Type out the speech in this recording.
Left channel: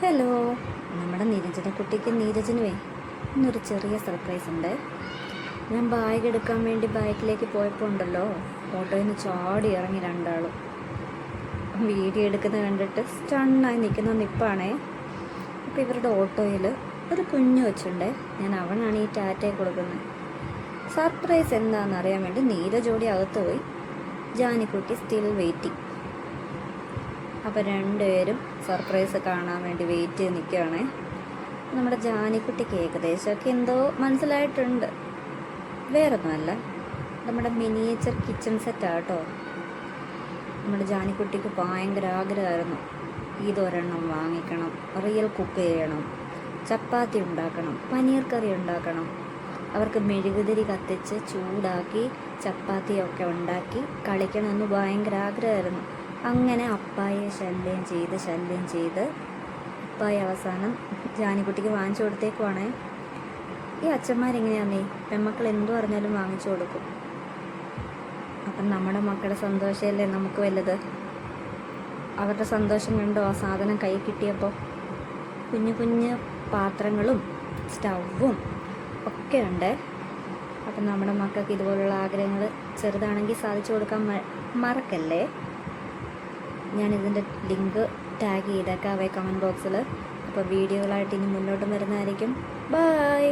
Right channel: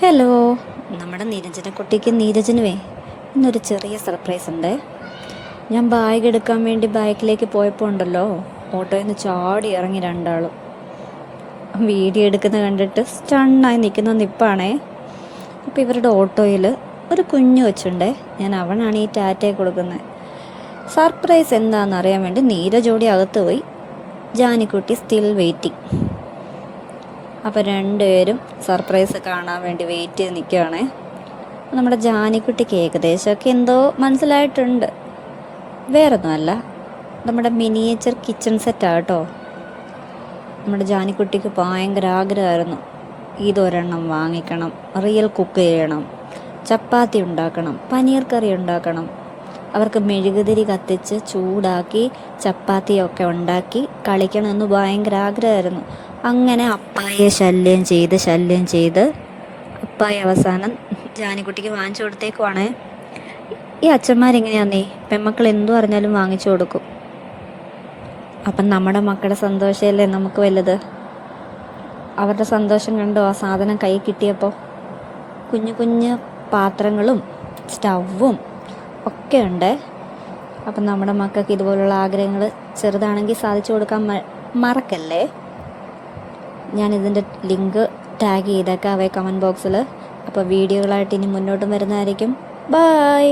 Hello, നമ്മുടെ കുട്ടിക്ക് നീരജനുവേ ഇന്നൊരു ചെറിയ സർപ്രൈസ് ഉണ്ട്. ഞാൻ ബാഗ് എടുക്കാൻ വേണ്ടി ബാക്കിലേക്ക് പോയപ്പോൾ ഉണ്ടല്ലോ, ഓട്ടോയിൽ നിന്ന് ചാടി ഇറങ്ങി രണ്ടാളും. വീഡിയോ എടുക്കുന്നത് കണ്ടിട്ട് സ്റ്റണ്ണായി നിൽക്കുന്ന നിപ്പാണേ. അപ്പോൾ ഇവരുടെ ഓട്ടോയിൽ ഒരു കുഞ്ഞു വെച്ചുണ്ടേ. ഞാൻ അവനാണ് ഈ ടാറ്റയെ കൊടുക്കുന്നത്. സർപ്രൈസ് എന്താണെന്ന് അറിയാൻ വേണ്ടി നീരജോടി അകത്ത് പോയി. Janikutty still waiting. അപ്പോൾ രണ്ടുപേരും സർപ്രൈസ് കാണാൻ വേണ്ടി വെയിറ്റ് ചെയ്ത് നിൽക്കുകയാണേ. നമ്മുടെ ജാനിക്കുട്ടിക്ക് ഏകദേശമൊക്കെ എന്തോ മനസ്സിലായിട്ടുണ്ട്. വേറൊന്നുമല്ല, നമ്മുടെ മിനിയേച്ചർ കിച്ചൺ സെറ്റാണ് കേട്ടോ. നമ്മുടെ ജാനിക്കുട്ടിക്ക് ഭയങ്കര ആഗ്രഹമായിരുന്നു, ഇതൊരെണ്ണം വാങ്ങിക്കണം, റിയൽ കുക്ക് ചെയ്യണം, ചപ്പാത്തി ഉണ്ടാക്കണം, പനീർ കറി ഉണ്ടാക്കണം. അവർക്ക് മെഴുകുതിരി കത്തിച്ച് ചൂടാക്കി ചപ്പാത്തിയൊക്കെ ഉണ്ടാക്കി കളിക്കണമെന്ന് ഭയങ്കര ആഗ്രഹമായിരുന്നു. അങ്ങനെ അപ്പായെ ശല്യം ചെയ്ത് അപ്പായ അവസാനം ജാനിക്കുട്ടിക്ക് വാങ്ങിച്ചു കൊടുത്തേക്കുവാണ്. ഈ അച്ഛന്മാരെങ്ങനെയാന്നേ, പെമ്മക്കൾ എന്തു പറഞ്ഞാലും വാങ്ങിച്ചു കൊടുക്കും. അപ്പം നമ്മുടെ മക്കളുടെ സന്തോഷമല്ലേ നമുക്ക് വലുത്. അവരുടെ സന്തോഷം കണ്ടോ ആ സാധനം കൈ കിട്ടിയപ്പോൾ. കുഞ്ഞു കുഞ്ഞു പാത്രങ്ങളും സ്റ്റൗവും ഒക്കെ ഉണ്ട്. അപ്പം നമ്മുടെ മക്കൾക്ക് ഇതുപോലുള്ള ആഗ്രഹങ്ങൾ ചെറുതാണെങ്കിൽ സാധിച്ചു കൊടുക്കാൻ മറക്കല്ലേ. ഞാനിതിൻ്റെ ലിങ്ക് ടാഗ് ചെയ്തേക്കാം കമൻറ്റ് ബോക്സിൽ. അപ്പോൾ വീഡിയോകളായിട്ട് ഇനി മുന്നോട്ടും വരുന്നതായിരിക്കും. ബൈ.